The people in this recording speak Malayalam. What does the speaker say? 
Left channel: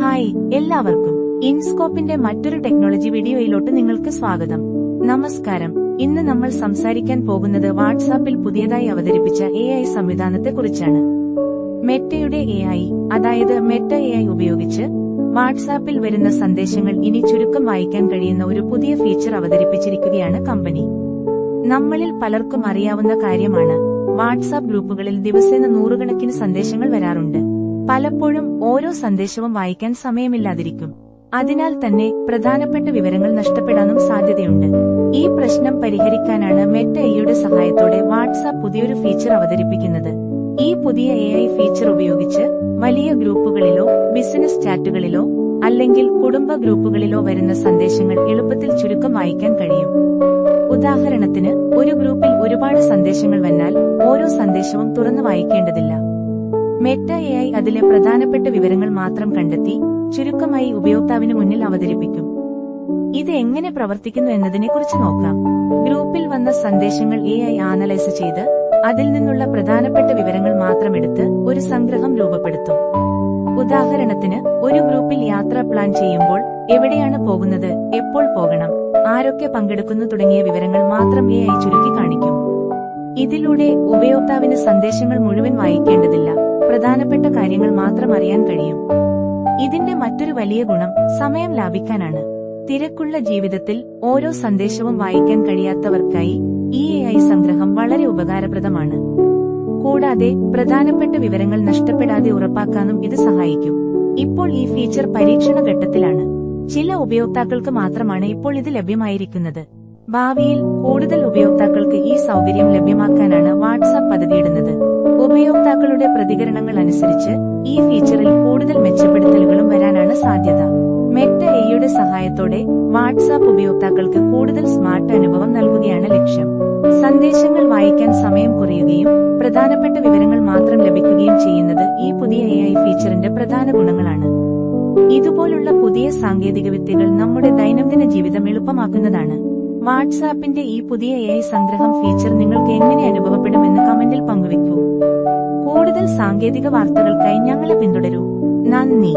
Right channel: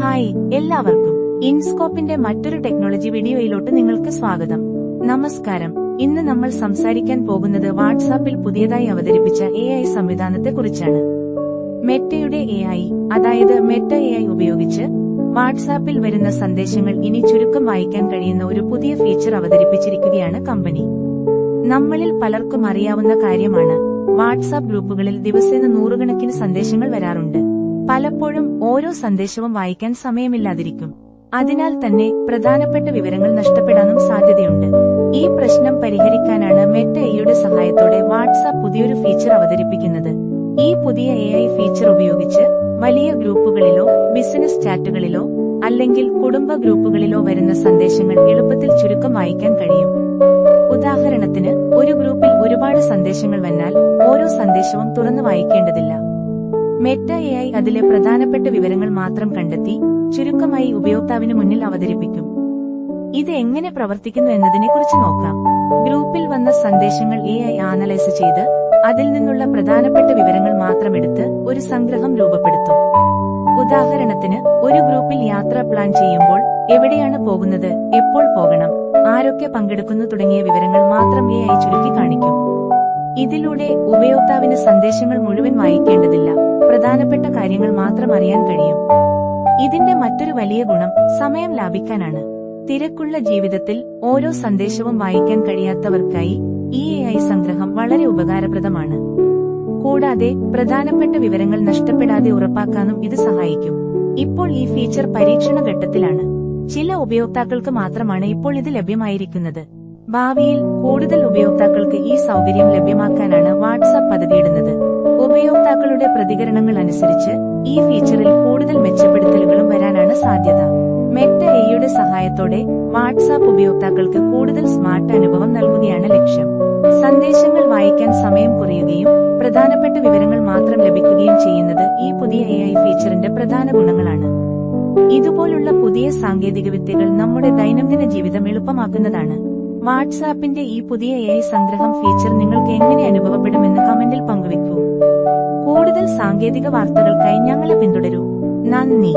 ഹായ് എല്ലാവർക്കും ഇൻസ്കോപ്പിന്റെ മറ്റൊരു ടെക്നോളജി വീഡിയോയിലോട്ട് നിങ്ങൾക്ക് സ്വാഗതം. നമസ്കാരം. ഇന്ന് നമ്മൾ സംസാരിക്കാൻ പോകുന്നത് വാട്സാപ്പിൽ പുതിയതായി അവതരിപ്പിച്ച AI സംവിധാനത്തെക്കുറിച്ചാണ്. മെറ്റയുടെ AI, അതായത് മെറ്റ AI ഉപയോഗിച്ച് വാട്സാപ്പിൽ വരുന്ന സന്ദേശങ്ങൾ ഇനി ചുരുക്കം വായിക്കാൻ കഴിയുന്ന ഒരു പുതിയ ഫീച്ചർ അവതരിപ്പിച്ചിരിക്കുകയാണ് കമ്പനി. നമ്മളിൽ പലർക്കും അറിയാവുന്ന കാര്യമാണ്, വാട്സാപ്പ് ഗ്രൂപ്പുകളിൽ ദിവസേന നൂറുകണക്കിന് സന്ദേശങ്ങൾ വരാറുണ്ട്. പലപ്പോഴും ഓരോ സന്ദേശവും വായിക്കാൻ സമയമില്ലാതിരിക്കും. അതിനാൽ തന്നെ പ്രധാനപ്പെട്ട വിവരങ്ങൾ നഷ്ടപ്പെടാനും സാധ്യതയുണ്ട്. ഈ പ്രശ്നം പരിഹരിക്കാനാണ് മെറ്റ AIയുടെ സഹായത്തോടെ വാട്സാപ്പ് പുതിയൊരു ഫീച്ചർ അവതരിപ്പിക്കുന്നത്. ഈ പുതിയ AI ഫീച്ചർ ഉപയോഗിച്ച് വലിയ ഗ്രൂപ്പുകളിലോ ബിസിനസ് ചാറ്റുകളിലോ അല്ലെങ്കിൽ കുടുംബ ഗ്രൂപ്പുകളിലോ വരുന്ന സന്ദേശങ്ങൾ എളുപ്പത്തിൽ ചുരുക്കം വായിക്കാൻ കഴിയും. ഉദാഹരണത്തിന്, ഒരു ഗ്രൂപ്പിൽ ഒരുപാട് സന്ദേശങ്ങൾ വന്നാൽ ഓരോ സന്ദേശവും തുറന്നു വായിക്കേണ്ടതില്ല. മെറ്റ AI അതിലെ പ്രധാനപ്പെട്ട വിവരങ്ങൾ മാത്രം കണ്ടെത്തി ചുരുക്കമായി ഉപയോക്താവിന് മുന്നിൽ അവതരിപ്പിക്കും. ഇത് എങ്ങനെ പ്രവർത്തിക്കുന്നു എന്നതിനെക്കുറിച്ച് നോക്കാം. ഗ്രൂപ്പിൽ വന്ന സന്ദേശങ്ങൾ AI അനലൈസ് ചെയ്ത് അതിൽ നിന്നുള്ള പ്രധാനപ്പെട്ട വിവരങ്ങൾ മാത്രമെടുത്ത് ഒരു സംഗ്രഹം രൂപപ്പെടുത്തും. ഉദാഹരണത്തിന്, ഒരു ഗ്രൂപ്പിൽ യാത്ര പ്ലാൻ ചെയ്യുമ്പോൾ എവിടെയാണ് പോകുന്നത്, എപ്പോൾ പോകണം, ആരൊക്കെ പങ്കെടുക്കുന്നു തുടങ്ങിയ വിവരങ്ങൾ മാത്രം AI ചുരുക്കി കാണിക്കും. ഇതിലൂടെ ഉപയോക്താവിന് സന്ദേശങ്ങൾ മുഴുവൻ വായിക്കേണ്ടതില്ല, പ്രധാനപ്പെട്ട കാര്യങ്ങൾ മാത്രം അറിയാൻ കഴിയും. ഇതിന്റെ മറ്റൊരു വലിയ ഗുണം സമയം ലാഭിക്കാനാണ്. തിരക്കുള്ള ജീവിതത്തിൽ ഓരോ സന്ദേശവും വായിക്കാൻ കഴിയാത്തവർക്കായി ഈ AI സംഗ്രഹം വളരെ ഉപകാരപ്രദമാണ്. കൂടാതെ പ്രധാനപ്പെട്ട വിവരങ്ങൾ നഷ്ടപ്പെടാതെ ഉറപ്പാക്കാനും ഇത് സഹായിക്കും. ഇപ്പോൾ ഈ ഫീച്ചർ പരീക്ഷണ ഘട്ടത്തിലാണ്. ചില ഉപയോക്താക്കൾക്ക് മാത്രമാണ് ഇപ്പോൾ ഇത് ലഭ്യമായിരിക്കുന്നത്. ഭാവിയിൽ കൂടുതൽ ഉപയോക്താക്കൾക്ക് ഈ സൗകര്യം ലഭ്യമാക്കാനാണ് വാട്സാപ്പ് പദ്ധതിയിടുന്നത്. ഉപയോക്താക്കളുടെ പ്രതികരണങ്ങൾ അനുസരിച്ച് ഈ ഫീച്ചറിൽ കൂടുതൽ മെച്ചപ്പെടുത്തലുകളും വരാനാണ് സാധ്യത. മെറ്റ AIയുടെ സഹായത്തോടെ വാട്സാപ്പ് ഉപയോക്താക്കൾക്ക് കൂടുതൽ സ്മാർട്ട് അനുഭവം നൽകുകയാണ് ലക്ഷ്യം. സന്ദേശങ്ങൾ വായിക്കാൻ സമയം കുറയുകയും പ്രധാനപ്പെട്ട വിവരങ്ങൾ മാത്രം ലഭിക്കുകയും ചെയ്യുന്നത് ഈ പുതിയ AI ഫീച്ചറിന്റെ പ്രധാന ഗുണങ്ങളാണ്. ഇതുപോലുള്ള പുതിയ സാങ്കേതികവിദ്യകൾ നമ്മുടെ ദൈനംദിന ജീവിതം എളുപ്പമാക്കുന്നതാണ്. വാട്സാപ്പിന്റെ ഈ പുതിയ AI സംഗ്രഹം ഫീച്ചർ നിങ്ങൾക്ക് എങ്ങനെ അനുഭവപ്പെടുമെന്ന് കമന്റിൽ പങ്കുവെക്കൂ. കൂടുതൽ സാങ്കേതിക വാർത്തകൾക്കായി ഞങ്ങളെ പിന്തുടരൂ. നന്ദി.